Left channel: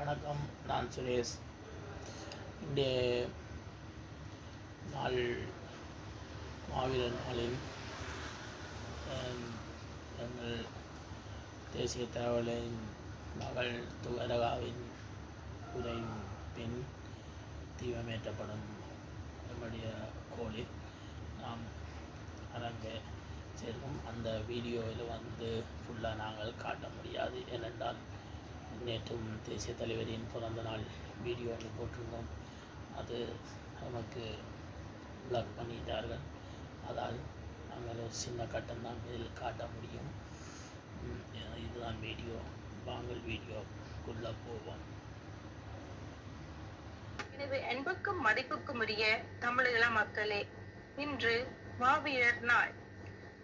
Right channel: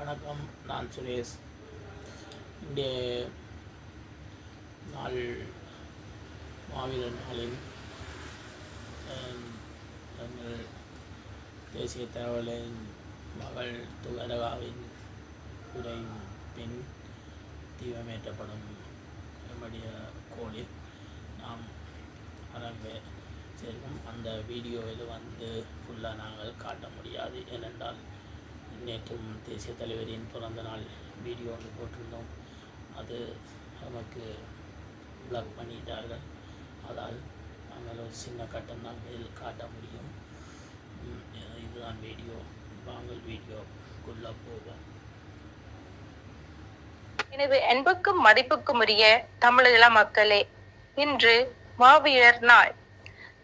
வணக்கம் நான் சுரேஷ். இன்றைய நாள் மாவீரர் நாளில் எங்கள் தேசிய தகவலின் மகள் துகரகாவின் உரையின் பின் தீவமேற்றப்படும் நம்முடைய கோளில் நாம் அரங்க சேர்க்கும். அந்த வீடியோவில் வந்து ஃபுல்லாக நாங்கள் காட்ட முடியாது. ஏனென்றால் நேற்றும் தேசிய தலைவரின் பிறந்த நாள் வீடியோ ஒன்று போட்டிருந்தோம். அது நமக்கு பிளாக் பண்ணிட்டார்கள். அதால் நாங்கள் ஒரு சின்ன கட்டம்தான் இதில் காட்ட முடியும். இதுதான் வீடியோ. வாங்கல் வீடியோக்குள்ளே போவோம். எனது அன்புக்கும் மதிப்புக்கும் உரிய தமிழீழ மக்களே இன்று மாவீரர் நாள்.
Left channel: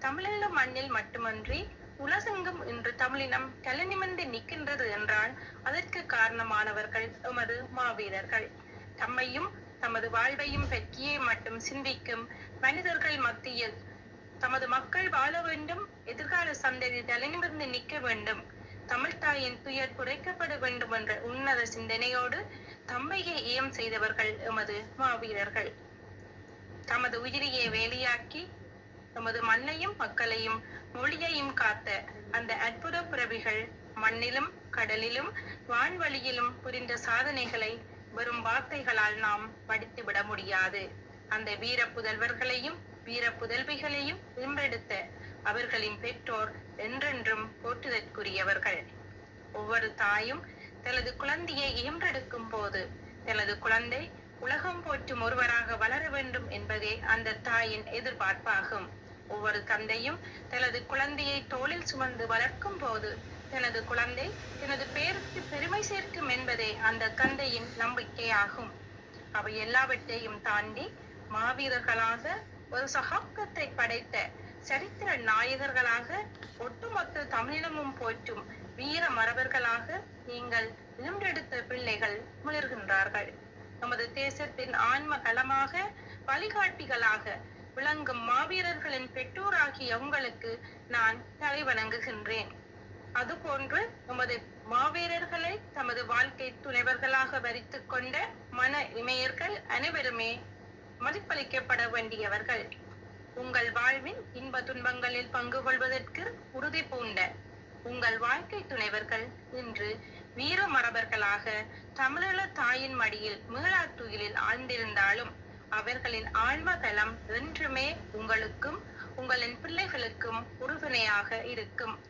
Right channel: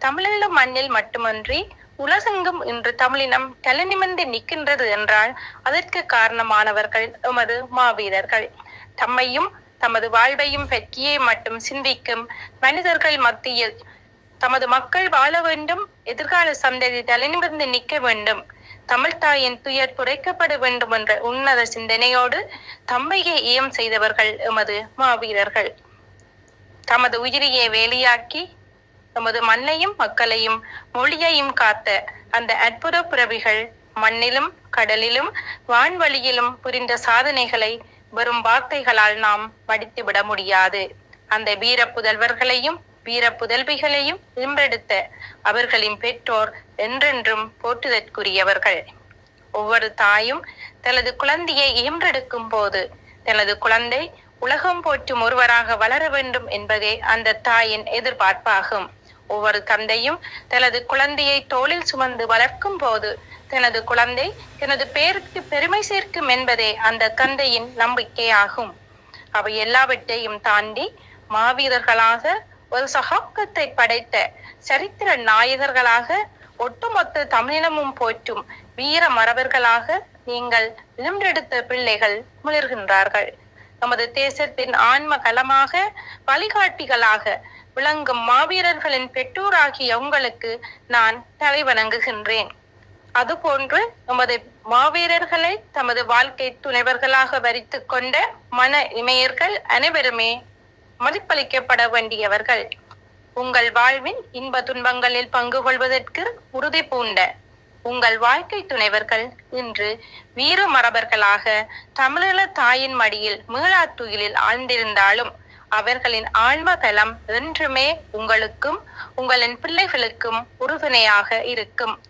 தமிழீழ மண்ணில் மட்டுமன்றி உலகெங்கும் இன்று தமிழினம் தலைநிமிர்ந்து நிற்கின்றது என்றால் அதற்கு காரணமானவர்கள் எமது மாவீரர்கள். தம்மையும் தமது வாழ்வையும் பற்றியே மட்டும் சிந்திக்கும் மனிதர்கள் மத்தியில் தமது மக்கள் வாழ வேண்டும் எதிர்கால சந்ததி தலைநிமிர்ந்து நிற்க வேண்டும் தமிழ் தாயின் துயர் குறைக்கப்பட வேண்டும் என்ற உன்னத சிந்தனையோடு தம்மையை ஈயம் செய்தவர்கள் எமது மாவீரர்கள். தமது உயிரையே வேலியாக்கி நமது மண்ணையும் மக்களையும் மொழியையும் காத்த அந்த அற்புத பிறவிகள் மண்ணிலும் கடலிலும் வான்வழியிலும் புரிந்த சாதனைகளை வெறும் வார்த்தைகளால் நாம் வடித்துவிட முடியாது. அந்த வீர புதல்வர்களையும் வீர புதல்விகளையும் இன்றெடுத்த அவர்களின் பெற்றோர் என்றென்றும் போற்றுதற்குரியவர்கள். ஒவ்வொரு தாயும் தனது குழந்தையை ஈன்றெடுக்கும் போது தனது குழந்தை உலகம் போற்றும் ஒருவராக வளர வேண்டும் என்பதே அந்த தாயின் எதிர்பார்ப்பாகும். ஒவ்வொரு தந்தையும் தனது குழந்தையை தோளில் சுமந்து வளர்க்கும் போது தனது குழந்தை தனது பேருக்கு பெருமை சேர்க்கும் என்பதே அந்த தந்தையின் நம்பிக்கையாகும். அவை எல்லாவற்றையும் தாண்டி மாவீரர்களாக ஒரு சகாப்தத்தை படைத்த சரித்திர நாயகர்களாக ஒட்டுமொத்த தமிழினமும் போற்றும் வீர மரபர்களாக நீங்கள் இளம்பெடுத்த பிள்ளைகள் முளிர்கின்றார்கள் நமது தேசத்தின் ஆன்ம கலமாக வழிகாட்டிகளாக விளங்கும் மாவீரர்களின் பெற்றோராகிய உங்களுக்கு நான் தலை வணங்குகின்றேன். அதுபோன்று நமது மாவீரர்களை தமது வாழ்க்கை துணைவர்களாக வரித்து கொண்ட மன இமையர்கள் அனைவருமே மதிப்பளிக்கப்பட வேண்டியவர்கள். உங்கள் வாழ்வின் இன்ப துன்பங்களில் பங்கு கொள்வதற்கு உறுதி பூண்ட உங்கள் வாழ்க்கை துணைவர்கள் இன்று வீர மரபர்களாக தமிழீழ தாயின் மடியில் மீளாத்துயிலில் ஆழ்ந்திருந்தாலும் அவர்களின் ஆழ்ம தலம் என்றுமே உங்களுக்கும் உங்களின் பிள்ளைகளுக்கும் உறுதுணையாக இருக்கும்.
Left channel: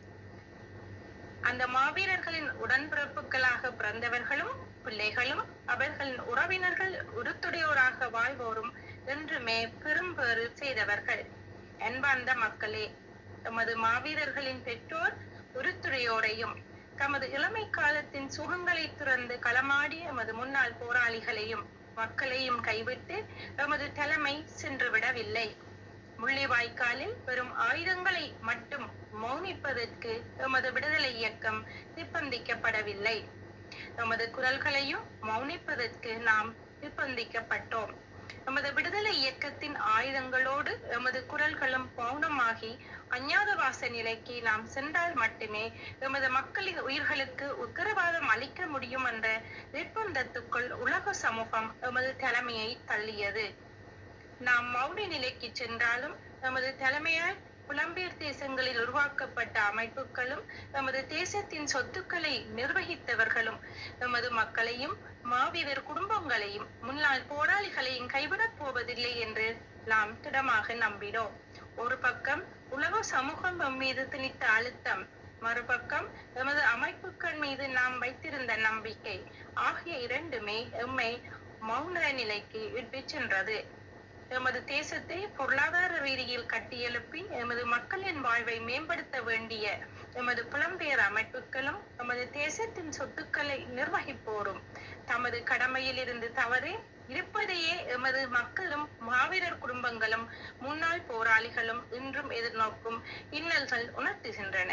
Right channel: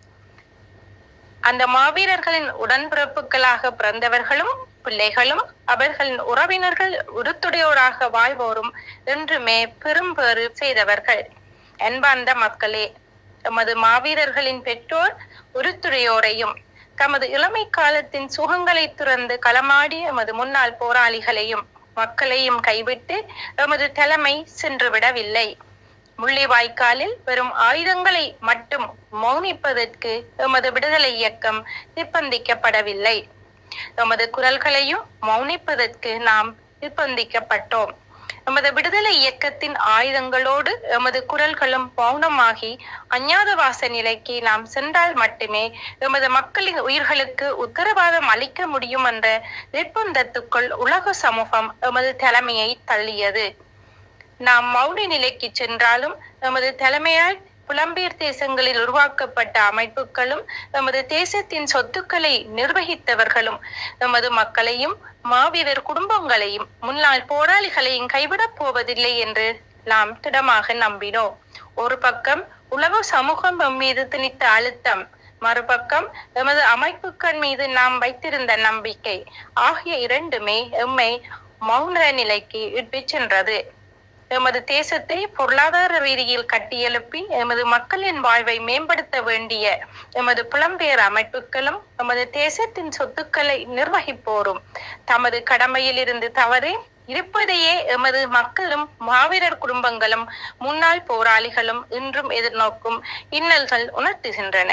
அந்த மாவீரர்களின் உடன்பிறப்புகளாக பிறந்தவர்களும் பிள்ளைகளும் அவர்களின் உறவினர்கள் உருத்துடையோராக வாழ்வோரும் என்றுமே பெரும்பேறு செய்தவர்கள். அன்பார்ந்த மக்களே தமது மாவீரர்களின் பெற்றோர் உறுத்துடையோரையும் தமது இளமை காலத்தின் சுகங்களை துறந்து களமாடிய எமது முன்னாள் போராளிகளையும் மக்களையும் கைவிட்டு எமது தலைமை சென்று விடவில்லை முள்ளிவாய்க்காலில் வெறும் ஆயுதங்களை மட்டும் மௌனிப்பதற்கு எமது விடுதலை இயக்கம் நிர்பந்திக்கப்படவில்லை. எமது குரல்களையும் மௌனிப்பதற்கு நாம் நிர்பந்திக்கப்பட்டோம். எமது விடுதலை இயக்கத்தின் ஆயுதங்களோடு எமது குரல்களும் மௌனமாகி அஞ்ஞாதவாச நிலைக்கு நாம் சென்றால் மட்டுமே எமது மக்களின் உயிர்களுக்கு உத்தரவாதம் அளிக்க முடியும் என்ற நிர்பந்தத்துக்குள் உலக சமூகம் எமது தலைமையை தள்ளியது. நாம் மௌன நிலைக்கு சென்றாலும் எமது தலைமையால் புலம்பெயர் தேசங்களில் உருவாக்கப்பட்ட அமைப்புகளும் நமது தேசத்தின் சொத்துக்களை நிர்வகித்தவர்களும் நமது மக்களையும் மாவீரர் குடும்பங்களையும் முன்னாள் போராளிகளையும் கைவிடப் போவதில்லை என்று நாம் திடமாக நம்பினோம். ஒரு பக்கம் உலக சமூகம் எம் மீது திணித்த அழுத்தம் மறுபக்கம் எமது அமைப்புகள் மீது நாம் வைத்திருந்த நம்பிக்கை ஆகிய இரண்டுமே எம்மை மௌன நிலைக்கு இட்டு சென்றது. எமது தேசத்தை பொருளாதார ரீதியில் கட்டியெழுப்பி எமது மக்களின் வாழ்வை மேம்படுத்த வேண்டிய எமது புலம்பெயர் அமைப்புகளும் எமது தேசத்தின் சொத்துக்களை நிர்வகிப்போரும். தமது கடமையில் இருந்து தவறி இருப்பதையே எமது மக்களும் மாவீரர் குடும்பங்களும் முன்னாள் போராளிகளும் இன்றும் எதிர்நோக்கும் இன்னல்கள் உணர்த்துகின்றன.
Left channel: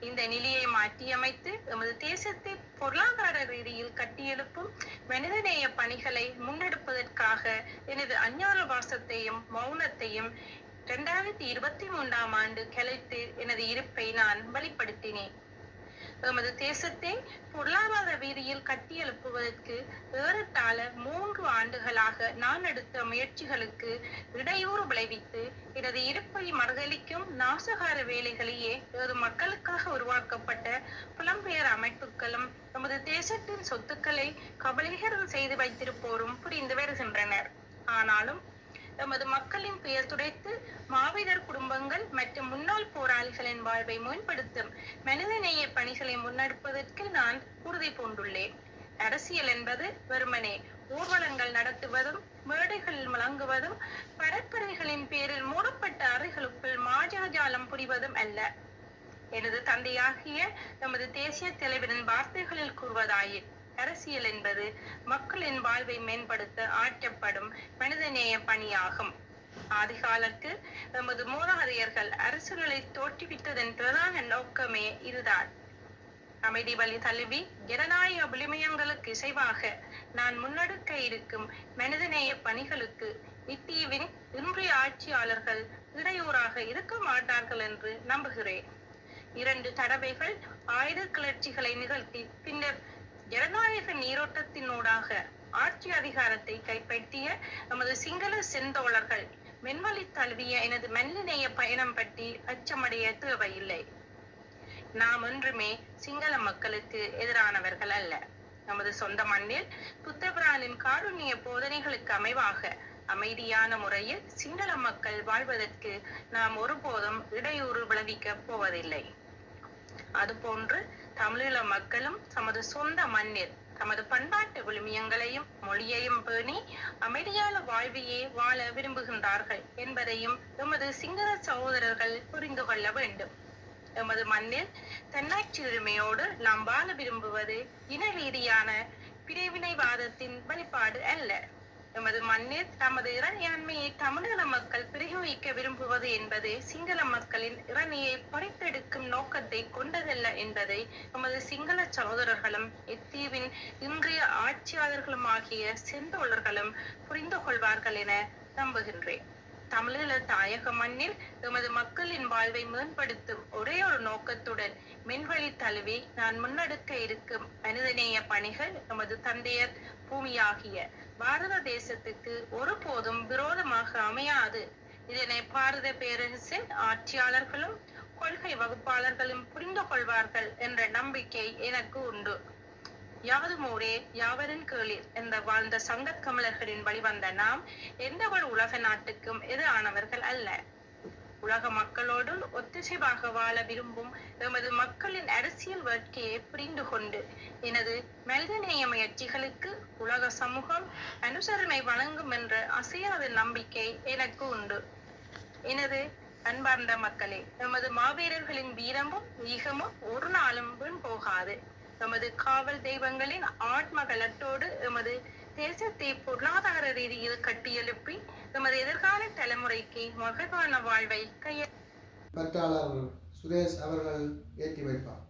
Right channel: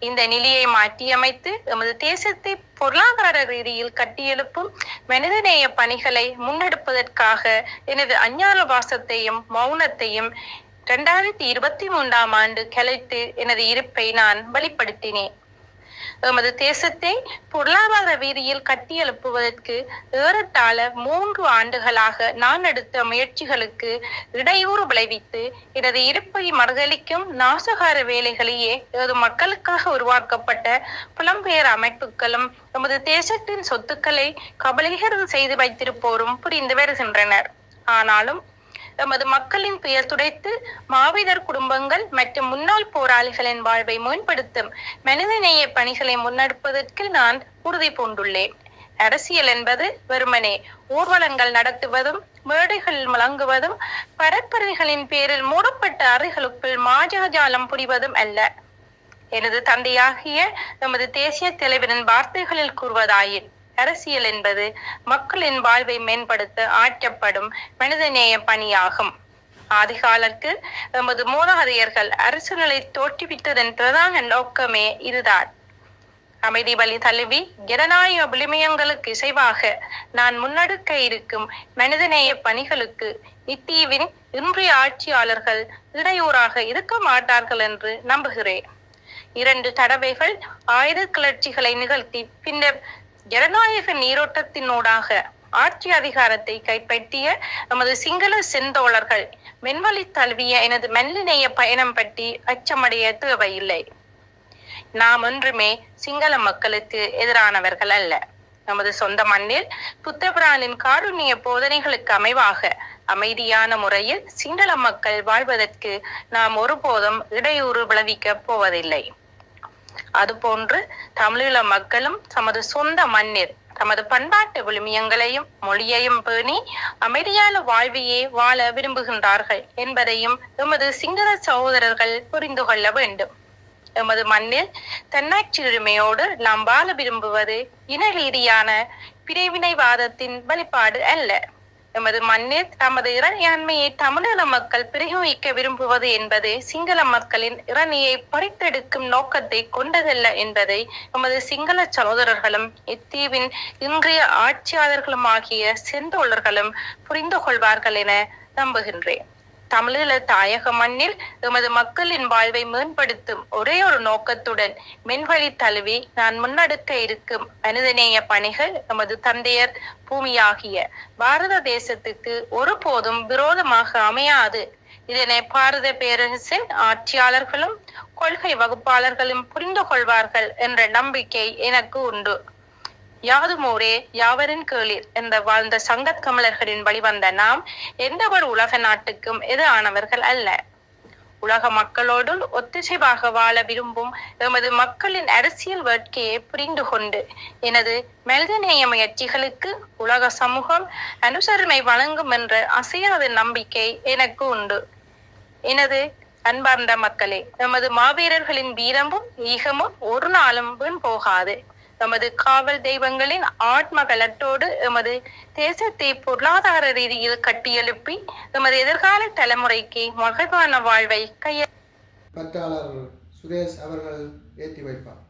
இந்த நிலையை மாற்றியமைத்து எமது தேசத்தை பொருளாதார ரீதியில் கட்டியெழுப்பும் மனிதநேய பணிகளை முன்னெடுப்பதற்காக எனது அஞ்ஞான வாசத்தையும் மௌனத்தையும் இரண்டாயிரத்தி இருபத்தி மூன்றாம் ஆண்டு கலைத்து எனது இருப்பை நான் வெளிப்படுத்தினேன். எமது தேசத்தை பொருளாதார வீதியில் கட்டியெழுப்புவதற்கு ஏறத்தாழ மூன்று ஆண்டுகளாக நான் எடுத்த முயற்சிகளுக்கு இடையூறு விளைவித்து எனது இருப்பை மறுதளிக்கும் நாசகார வேலைகளையே எனது மக்களுக்காக உருவாக்கப்பட்ட புலம்பெயர் அமைப்புகளும் நமது தேசத்தின் சொத்துக்களை கபலீகரம் செய்து வைத்திருப்போரும் புரிந்து வருகின்றனர். ஆனாலும் எமது மக்களின் பெயர் துடைத்து மாவீரர் குடும்பங்கள் மற்றும் முன்னாள் போராளிகளின் வாழ்வை மேம்படுத்தும் மனிதநேய பணிகளை முன்னெடுப்பதற்கு நான் உறுதி பூண்டுள்ளேன். அரசியல் என்பது வெறுமனே ஊர்வலங்கள் நடத்துவதும் மேடைகள் முழங்குவதும் பரப்புரைகளின் பேரில் மூடப்பட்ட அறைகளுக்குள் மாஜாஜாலம் புரிவதும் அல்ல. எனது தந்தையாகிய நமது தேசிய தலைவரின் வார்த்தைகளில் கூறுவதாயின் அரசியல் என்பது மக்களின் வாழ்வை மேம்படுத்த ஆற்றப்படும் மனிதநேய பணியாகும். ஆதிகாலத்தில் நமது மூதாதையர்கள் அரசுகளை தோற்றுவித்ததன் பிரதான நோக்கமே இதுதான். அமைதி வழி தழுவி ஜனநாயக விளிமயங்களுக்கு இசைவாக நான் முன்னெடுக்க இருக்கும் மனிதநேய பணிகளுக்கு இத்தீவின் இன்றைய ஆட்சியாளர்கள் இடையூறாக இருக்க மாட்டார்கள் என்று நம்புகிறேன். இரண்டு தடவைகள் ஆயுத கிளர்ச்சிகளை நிகழ்த்தி பின்னர் ஜனநாயக நீரோட்டத்தினூடாக ஆட்சி அதிகாரத்தை கைப்பற்றிய நமது சிங்கள செந்தோழர்கள் மென்வழி தழுவிய எனது மெல்லினைய பயணம் பற்றி அச்சமடைய தேவையில்லை. நாம் ஒன்றுமே சிங்கள மக்களுக்கு எதிரானவர்கள் அல்ல. நமது சொந்த மண்ணில் புத்தபிரானின் காருண்ய போதனைகளுக்கு அமைவாக அமைதியான முறையில் சிங்கள மக்கள் வாழ்வதற்கு நாம் ஒருபோதும் இடையூறு விளைவிக்கப் போவதில்லை. அதுபோன்று தமிழீழ மக்களும் தமது சொந்த மண்ணில் தமது பண்பாட்டு விழுமியங்களையும் மொழியையும் பேணி அமைதியான வாழ்வையே வாழ விரும்புகின்றார்கள் என்பதையும் எமது சிங்கள சகோதரர்கள் புரிந்து கொள்ள வேண்டும். எமது மண்ணில் தன்னாட்சி உரிமையோடு நாம் வாழ விரும்புவது இன ரீதியான பிரிவினைவாதத்தின் வெளிப்பாடு அல்ல. எமது மண்ணில் தமது இறையாண்மையை தமிழக மக்கள் பிரயோகிக்க விரும்புவது என்பது சிங்கள மக்களின் இரணியை பறித்தெடுக்கும் நோக்கத்தை கொண்டதல்ல என்பதை எமது சிங்கள சகோதரர்களும் இத்தீவின் இன்றைய ஆட்சியாளர்களும் ஆகிய செந்தோழர்களும் புரிந்து கொள்வார்கள் என நம்புகின்றேன். தமிழீழ தாயக மண்ணில் எமது மக்களின் வாழ்வை மேம்படுத்தும் ஒரே ஒரு நோக்கத்துடன் மென்வழி தழுவி நான் முன்னெடுக்க இருக்கும் மனிதநேய பணிகள் எமது தந்தையர் பூமியாகிய பாரத தேசத்துக்கு ஒருபோதும் விரோதமாக அமையாது. இதனை பாரத பேரரசின் ஆட்சியாளர்களும் கொள்கை வகுப்பாளர்களும் புரிந்து கொள்வார்கள் என்ற நம்பிக்கை எனக்கு உண்டு. யாதுமோரே யாவரின் கேளிர் என்ற வாழ்ந்த சங்கத் கமலர்களின் வழிவந்த நாம் எந்த ஒரு உலக நாட்டுக்கும் எதிரானவர்கள் அல்ல? உலக மக்களோடு ஒத்திசைவாக வாழ விரும்பும் எமது மக்களின் அரசியல் வேட்கையை புரிந்து கொண்டு எனது மனிதநேய முயற்சிகளுக்கு உலக சமூகம் அனுசரணை வழங்கும் என்ற அசையாத நம்பிக்கை எனக்கு உண்டு. எனது அன்பார்ந்த மக்களே எமது மாவீரர்களின் வீரமும் ஈகமும் ஒரு நாளும் வீண் போகாது. நமது காவல் தெய்வங்களின் ஆத்ம கலட்டோடு எமது தேசத்தை பொருளாதார ரீதியில் கட்டியெழுப்பி எமது எதிர்கால தலைமுறைக்கு மகிழ்வான வாழ்வை கைய பற்றாளர் சுரேஷ் அவர்கள் ஏற்றி வைப்பார்.